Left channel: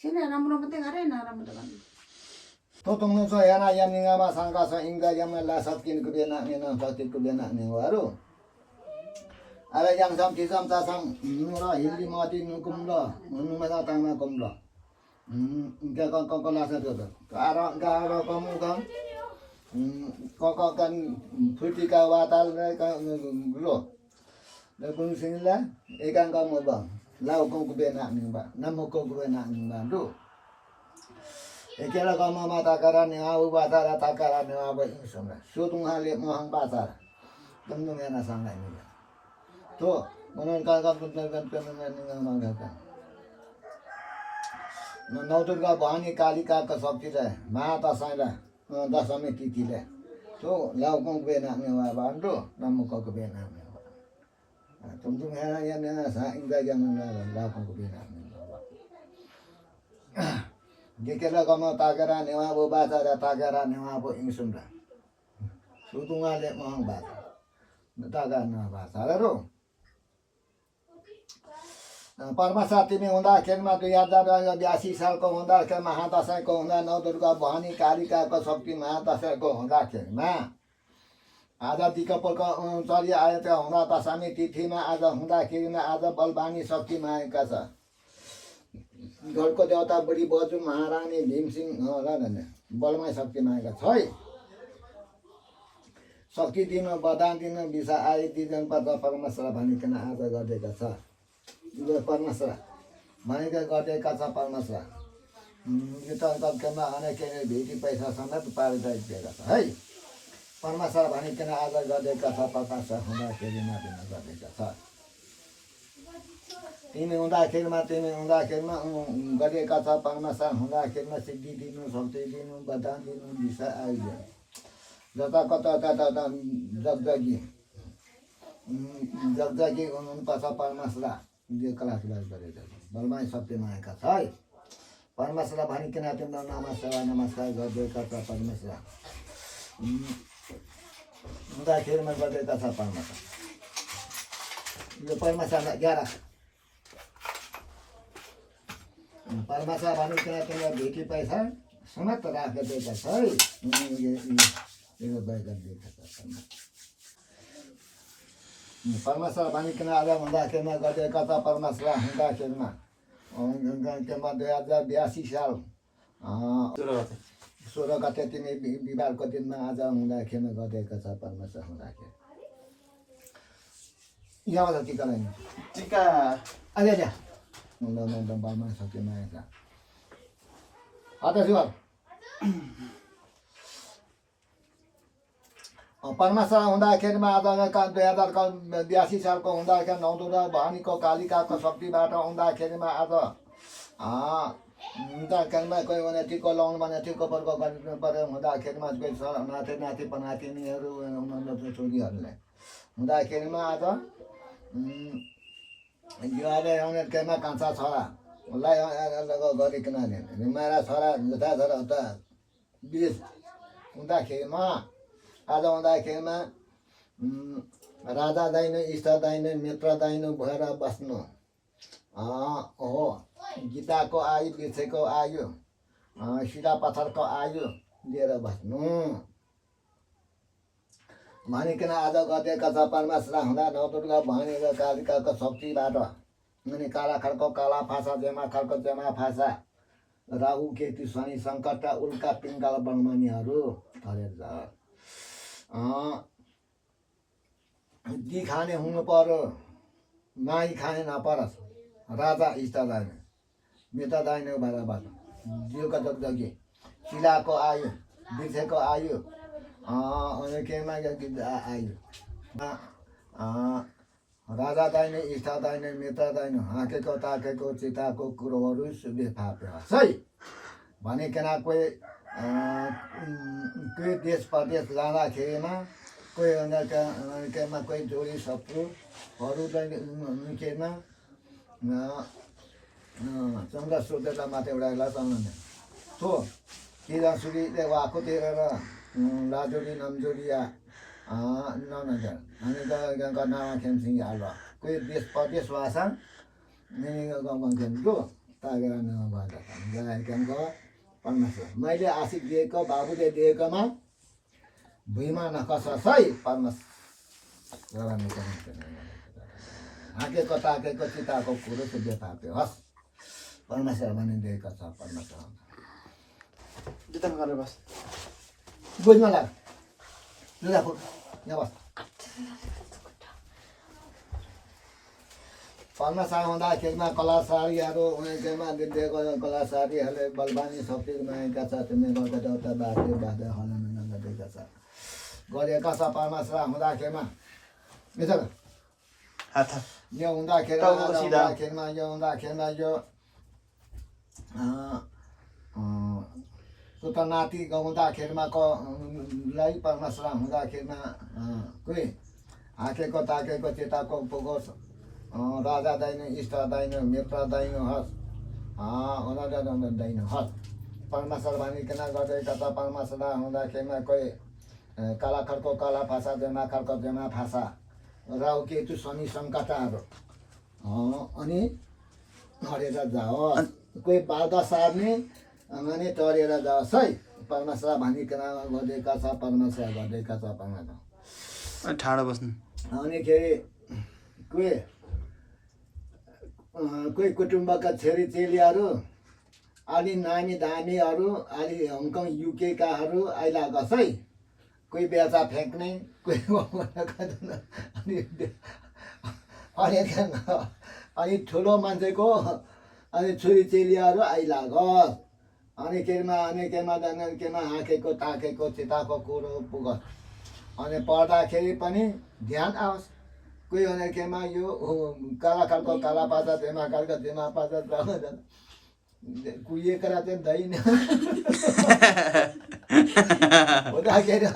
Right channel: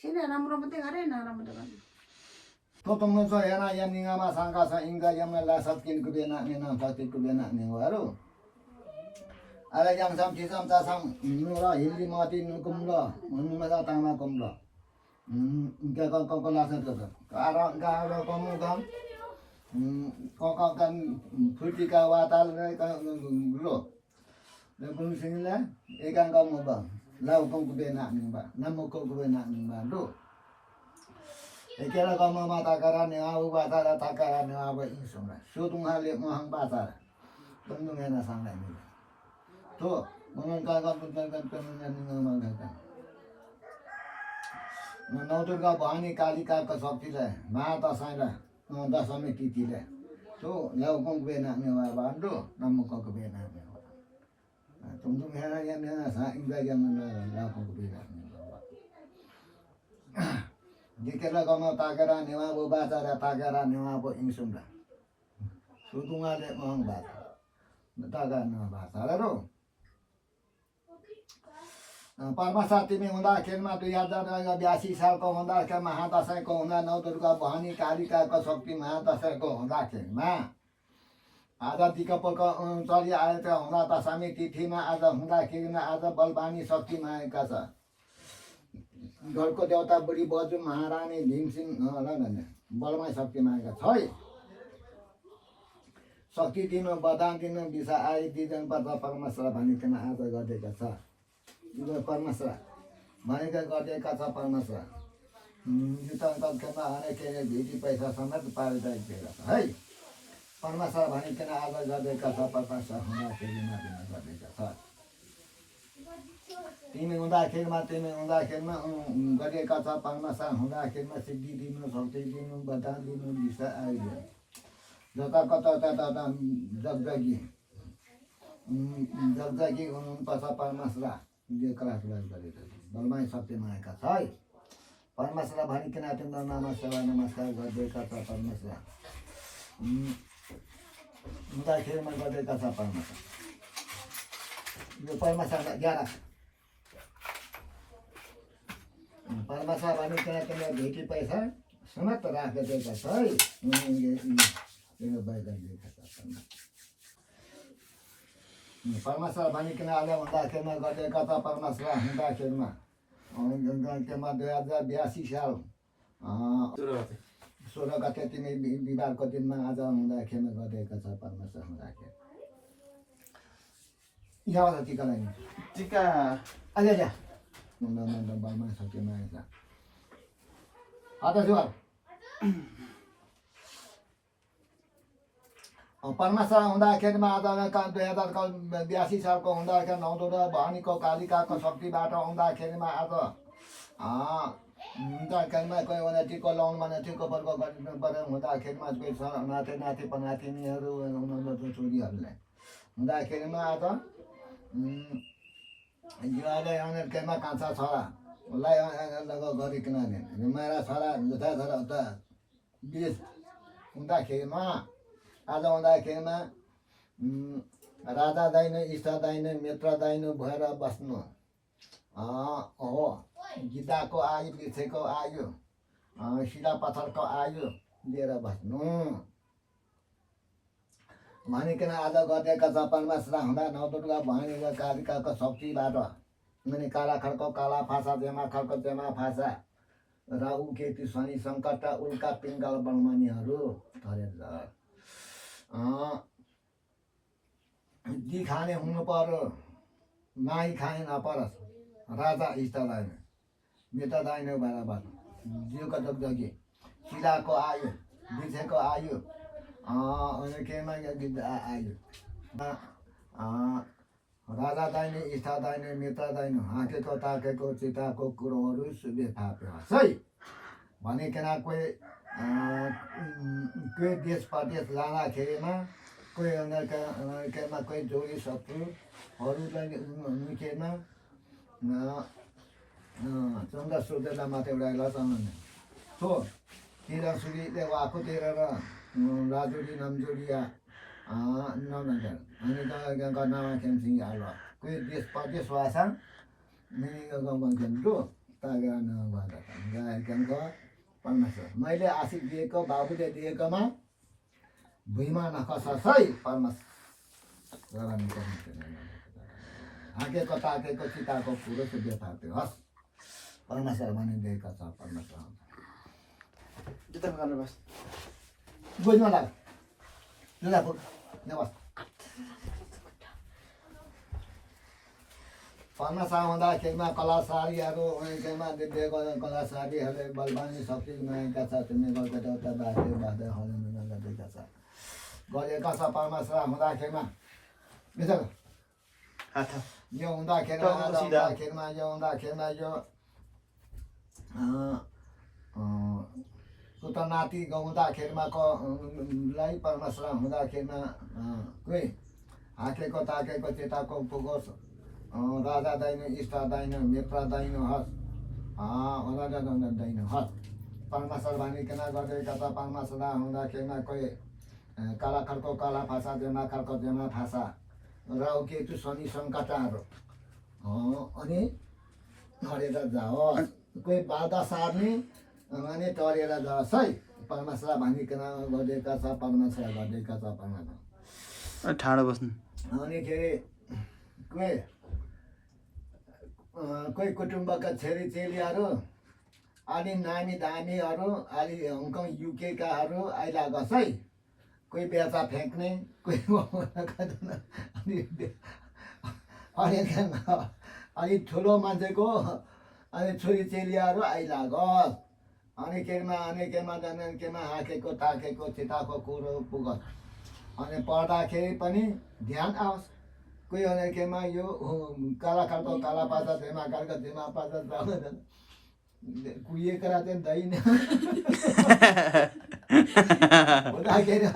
Sini राम्रो मात्रै गरे नराम्रो त गर्नु Totong so yana yam ninga ma sangka sa inga yam la satkin kubena nina sakit kubena ni waru. Ala yang sam kisam ta sam nura hindi mati nukumlo numasa tama kumlo. Inga kok la sa to. Kara kamu kan kok kan putika watal ka gulo. Da kun sinila ikan kamu bang. Lau kong kubena ni ba. Namu kong kubena ni ba do. Ekela kama mata karane au batara takarane aba insumra sutung hale mohang batara tundung yana sanga ni to monon ka kuntal kan ngama ka no nauturga bhani kalika ka sakti le mata saila dasame titi le to lau kong bena ngewa bando namu ko bena ngewa tundung yana yana sa inga yana lau kong bena Dikela kama takara newa bo bata da takara newa bo insumra. Sutunga le mohang bata. Takara newa bata ro. परमासा तिमी हुँदाखेरिमा 2082 सालको हुँदाखेरि महादशैँको हुँदा नवदुर्गा भवानी कालिकाको शक्ति महादशैँको हुँदाखेरिमा आज दिकपलको चलि आएका हुँदा दशमी तिथिमा आज हुँदाखेरिमा आज बलवानी शक्ति माएका छ घरको देवता बुढी बजु महारानी भीमसिंह बलमय शक्ति मागेका छ है शक्ति दिन वरदान दिन विषा आए दिजन पर्दा परमेश्वर भनिकन आज गरेका छ यो परमेश्वर भनेका गरेका छ परमेश्वर यो त तत्कालमा अनेक भेटी पैसा समेत पारिदिएका छ है परमेश्वर भनिकन आज गरेका छ परमेश्वर हुँदाखेरिमा दिन गरेका छ तिमी हुँदाखेरिमा गरेका छ परमेश्वर हुँदाखेरिमा सिद्धि दिनु शक्ति दिनु वरदान दिनु दिशा आइदिनु जता कता तता जगजगी हुनुपर्छ परमेश्वर यो कलासुलास गरेका छ बलमाई शक्ति मागेका छ है परमेश्वर भनिकन तिम्रो नमस्कार गरिदिएका छ परमेश्वर हुँदाखेरिमा गरिदिएका छ परमेश्वर यो परमेश्वर 11 परमेश्वर भनिकन तिम्रो भेटी पैसा समेत राखिदिएका छ है परमेश्वर भनिकन आज हुँदाखेरिमा गरिदिएका छ परमेश्वर हुँदाखेरिमा 2082 साल 16 गते तिमी बिहिबारको दिनमा आज हुँदाखेरिमा गरिदिएका छ परमेश्वर हुँदाखेरि यहाँ टिका लगाइनु टिका अहिले जा बलमा सक्यो माया शिवाल परमेश्वर हुँदाखेरिमा आज 2082 सालको हुँदाखेरि नवदुर्गा भवानीको कालिकाको शक्तिबाट हुँदाखेरिमा आज हुँदाखेरिमा कोही भने टिको लाउनु भने टिको पर्को गरिदिनु पर्यो हुँदाखेरिमा कोही नाति नाति पनातिनीहरू छोरीहरूले हुँदाखेरिमा आज यो अहिले केमा कान्छा छोरालाई गरिकन मेरा छोरा जता छोरा उता बिच हुँदाखेरिमा आज हुँदाखेरिमा राजा दाइनो इष्ट दाइनो मित्र दाइनो भएर बस्नु हो गीताको आयु वृक्षको आयु शिला पत्थरको आयु लिएर बस्नु भनिकन आज गरिदिएका छ परमेश्वर हुँदा नवदुर्गा भवानीको कालिकाको शक्तिबाट अनि काला खड्को काला फासा जेमा खड्को जेमा फासा राहु केतु शनि सङ्कट उल्का पिङ्गल बलमानीहरू ठरेर दी खाने हुनु पर्यो माई खाने नपरोस् राजा इष्ट दाइन नेता दाइन बराबर जिउको जगजगी शिलाको आयु वृक्षको आयु अनि केमा आयु राजा दाइने इष्ट दाइने मित्र दाइने हाँकेको ताकेको चिताको कुरोहरू बेफाप्योस् है भनिकन कोही देश प्रदेश जाँदाखेरिमा कोही केमा कोही जोडी शत्रुहरू निकेमा चन्द्र सूर्यलाई माथि एउटा लचल्नु थो किरा सुरीले वाको तेरेर राजोडी नमजोडिया ननगर अनि गर्नमा खेम्सिङ हाल्वा कोही देश प्रदेश भाषा गाउँमा खेम्छु त तागेर नभएर गएको परमेश्वर मैले आशिष दिएको बाबुले दिएकोमा भुइँमा नखसै परमेश्वर हाकेको ताकेको चिताको कुरो सुध्यो थाप्यो हस् परमेश्वर भनिदिएको छ परमेश्वर जितन गरेर बस बुझ्न लाग लुगा फुट नबस् परमेश्वर हुँदाखेरिमा कलासारीहरू उनीहरूमा दिएको कलासारीहरूले बलवानी शक्ति गुमाएका छ तिमीले गएको देउता बाँध्यो बाँध्दै हनन गरेका छ गरेका छ परमेश्वर हुँदाखेरिमा हात यो हुँदाखेरिमा यो पुत्र नाति गाउँदाखेरिमा लाई परमेश्वर हुँदाखेरिमा कोही हाकेको ताकेको चेताको पुगोस् राजा दैन इष्ट दैन मित्र दैन हस् दैन हस् परमेश्वर भनिकन गरेका त परमेश्वर हुँदाखेरिमा कोही कालाखरको कला भाषा जेमाखरको जेमा भाषा राहु केतु शनि सङ्कटाहरू अनि टरेर जाओस् कोही बाधा सार्ने अनि टरेर जाओस् है परमेश्वर भनिकन गरेका छ परमेश्वर गरेका छ परमेश्वर ठाडो बस्नु अनि के अरे कोही कुटुम्बका छोरीचेलीहरू अलि नामी दामीहरू अलि हङकङ युकेकाहरू आइलागोस् है कोही बेचा फ्याँक्ने कोही अनि ठुलो मान्छेको अनि छोरीचेलीहरू आइलागोस् अनि केमा हाकेको ताकेको चिताको कुरो पुगोस् अनि पढ्दाखेरि पनि ध्यान आओस् कोही भने केमा यो कालाखालको काला पाता जेमाखालको जेमा पाता कुहिएको चाहिँ दैन हुँदाखेरि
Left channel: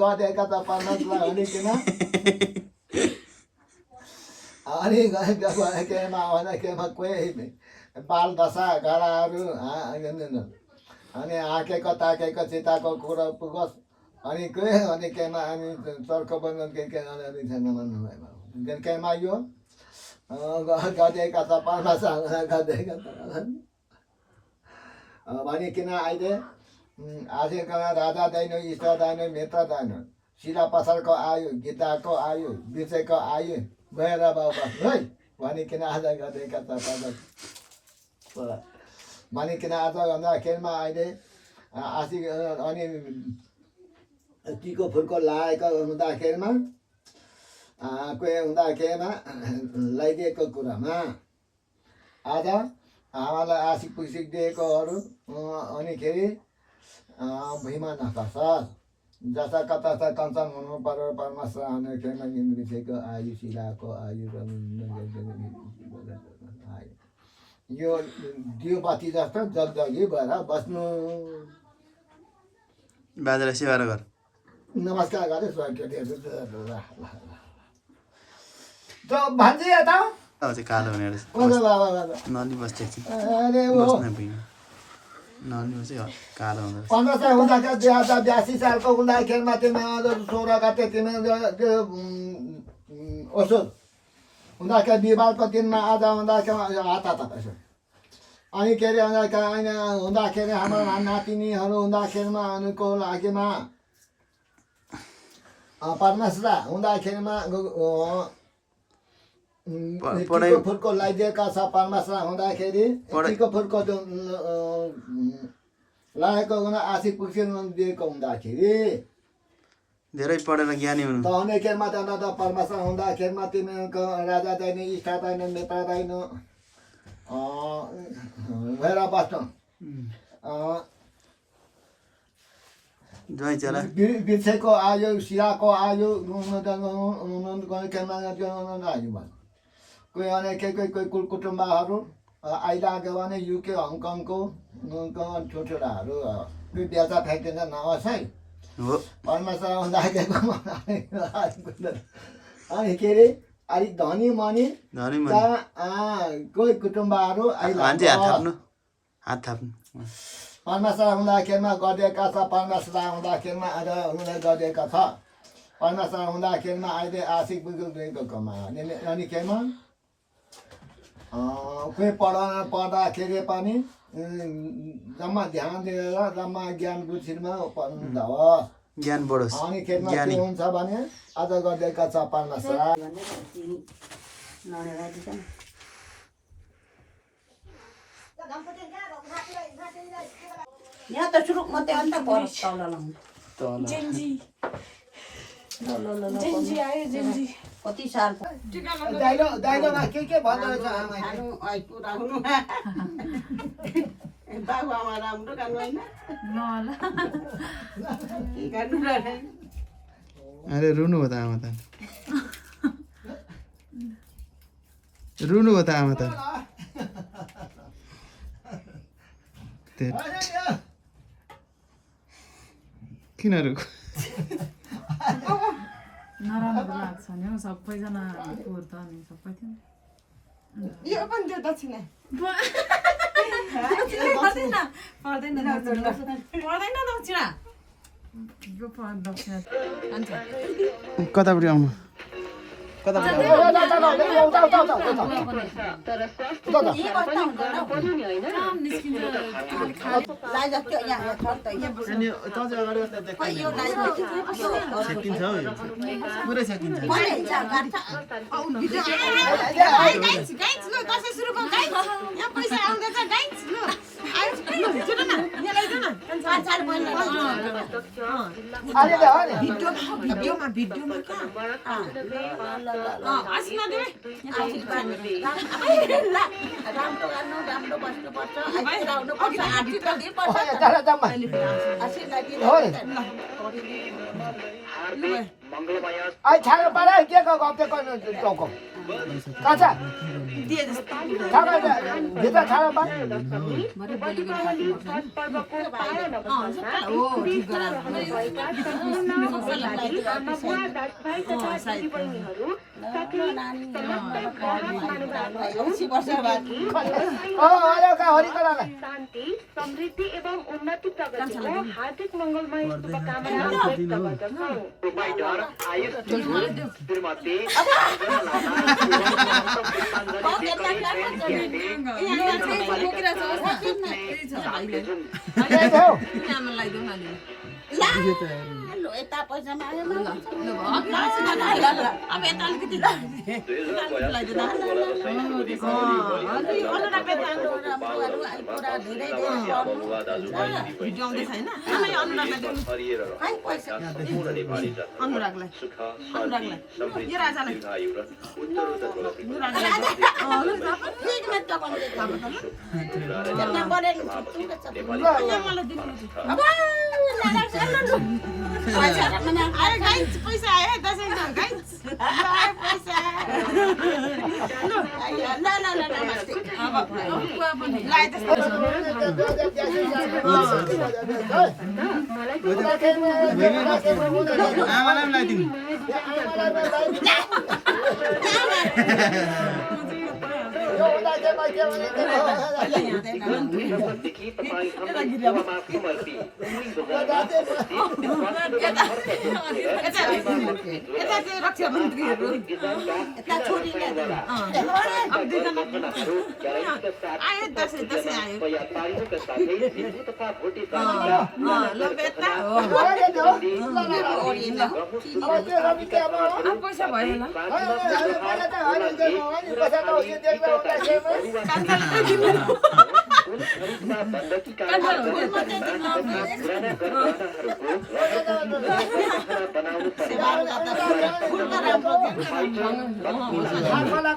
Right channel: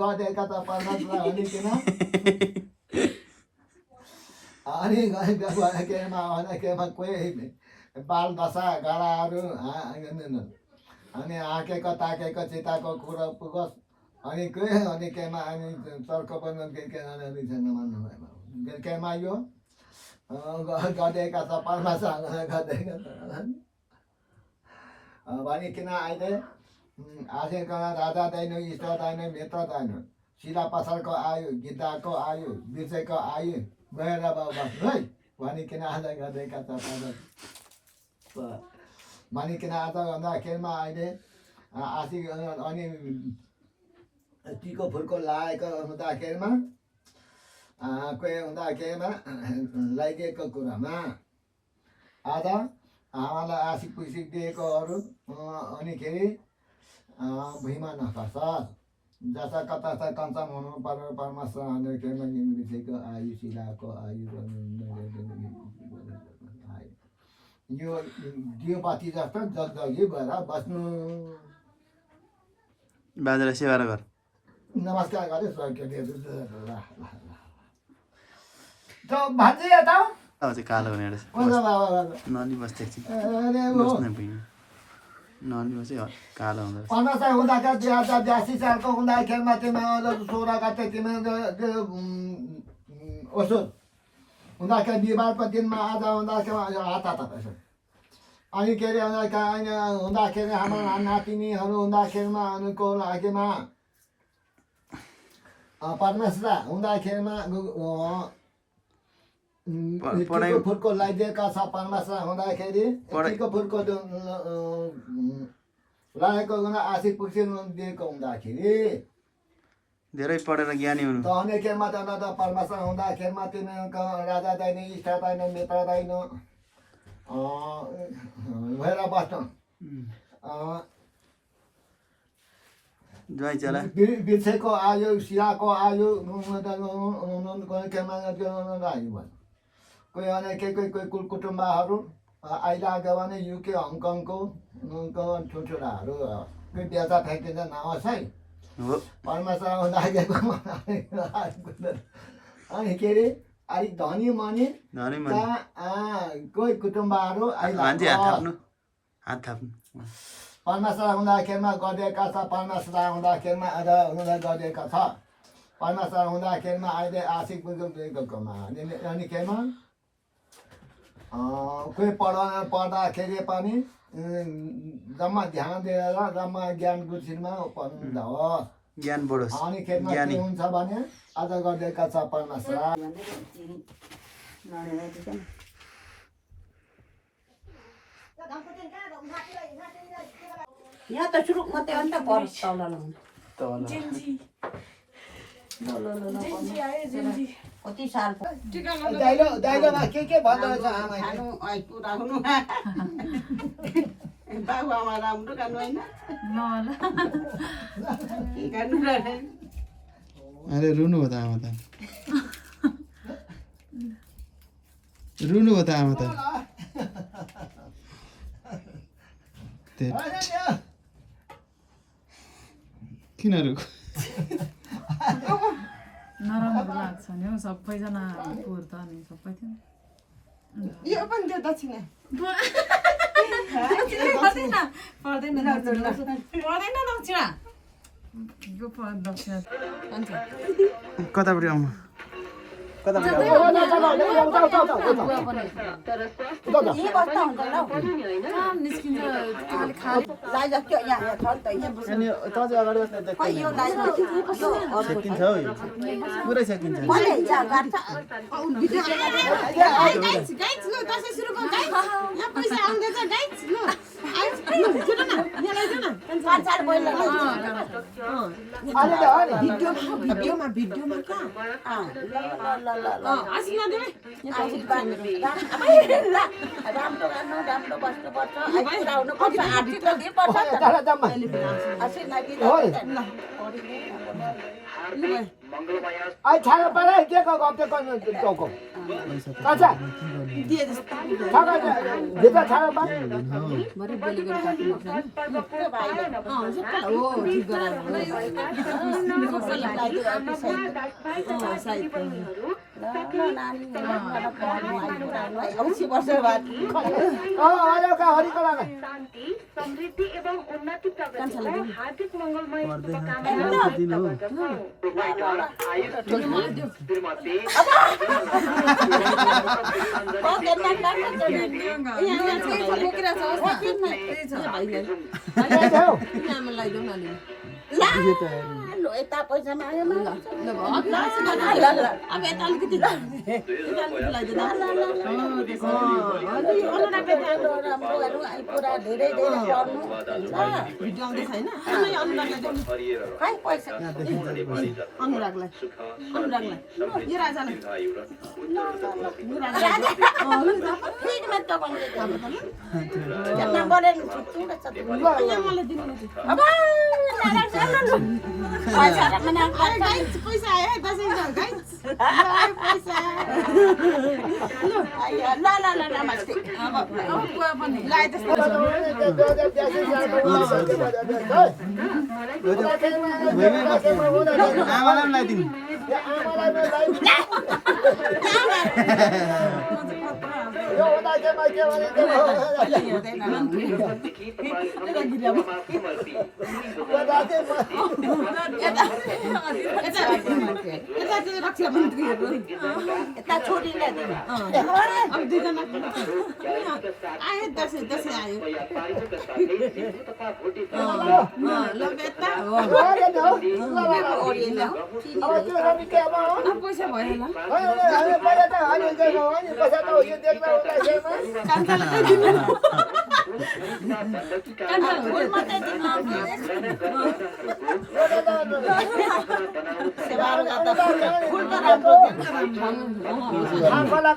गरेका त परमेश्वर भनिकन अनि केमा कोही बाल दशा गराहरू अनि हाकेको ताकेको चिताको कुरो पुगोस् अनि केमा अनि चर्को पनि केमा यो गरिदिएका छ परमेश्वर गरिदिएका छ भनिकन अहिले आजको राजा दैन इष्ट दैन मित्र दैन शिला पसलको आयु गिद्धाको आयु बिर्सेको आयु गएर बाबा है भनिकन आज गरिदिएका छ भनिकन आज भन्दाखेरिमा अहिले आशी अनि टीको फुलको लागेको हुँदाखेरिमा कोही हुँदाखेरिमा लगाइदिएको कुरामा आज आमालाई आशिक पुसिक दिएकोहरू अनिखेरि भुइँमा नखसोस् जता कता कञ्चन हुनु पर्यो परमेश्वर अनिखेरिमा निम्रिसेको आयु शिलाको आयु यो दियो बाती जस्तो जगजगी भएर बस्नु बाजेलाई सेवा गर नमस्कार गरे भान्जी यता अब चाहिँ कालो हुने रहेछ नली बस्दै एकछिन बस्ने भुइँमा नली बस्दै कालो हुँदो रहेछ 15 साल हुँदाखेरि 2082 सालको हुँदाखेरिमा तिमी 16 गते तिमी असोज हुँदाखेरि बिहिबारको दिनमा आज हुँदाखेरि हात यसो अनि के अरे हुँदाखेरि हाम्रो नातिनीहरू हुँदाखेरिमा अनुको लागिमा परमेश्वर हुँदाखेरिमा फुलको लगाइदिएका छ परमेश्वर हुँदाखेरि फुलको लागेको आशी पुग्छ दिएको हुँदाखेरि धेरै पढेर ज्ञानी हुनु हुनेखेरिमा त परमेश्वर हुँदाखेरिमा तिमीको राजा दैन इष्ट दैन मित्र दैन भएर बस्नु बिर्सेको आयो सियाको आयो कोही कोही कुटुम्बहरू आइलाग्यो भने युके हङकङको छोटोराहरू कोही बेचा फ्याँकिदिन्छ नहोस् है परमेश्वर हुँदाखेरि अनि के अरे अलिक धनी मनी कोही कुटुम्बहरू परमेश्वर हुँदाखेरिमा गरिदिएका छ परमेश्वर हुँदाखेरिमा आज हुँदा गरिदिएका छ परमेश्वर हुँदाखेरिमा अहिले आशिक बुझेको कमा अनि खेरमा कोही पढ्दाखेरि पनि जम्मा ध्यान दिएर जम्मा ज्ञान बुद्धिमा पढ्नु हो ज्ञान बढोस् अनि खेतमा ज्ञानी के हुन्छ भने आज गर्दैका चपार्न यहाँ त सुरुक मात्रै अन्त पर तल लाउनु कति साल दाइलोमा के भन्दो रहेछ आमाले खानु पुऱ्याउनु बाबु आमा राम्रो खानु होइन के गर्नु र अरे रुनु हो त आमा त रुनु हो त आमा त किन रुको नराम्रो लाग्छ नि हौ सबैजना पोहोर त अनि सबै थियो यो पनि त्यो दक्षिणा पर्दैन दक्षिणा दक्षिणा कतापट्टि आउनु पुरै सकिन्छ राम्रो बस्नुपर्छ आउनु पर्छ आर्थिक दिनुपर्छ छाडा परा के गफ गर्नु टोको काचा भित्र छाडा परा शान्ति समृद्धि एवं उन्नति प्रगतिको हार्दिक मङ्गलमय शुभकामना व्यक्त गर्दछौँ। यता पैसा माग्यो पैसा आयो आमालाई लगाइदिनु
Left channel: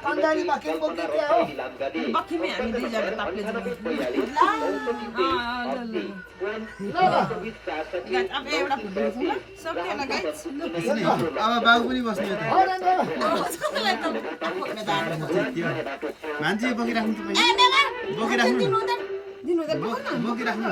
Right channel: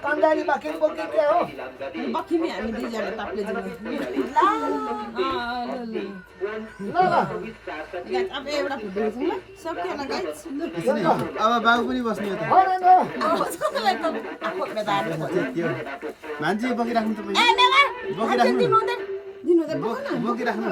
कन्दारीमा के बोकिदिए हो बक्खिमी हामी दुईजना ताप्ले अब एउटा अब बाबु पनि बस्नु मान्छे बोकिराख्नु बोकिराख्नु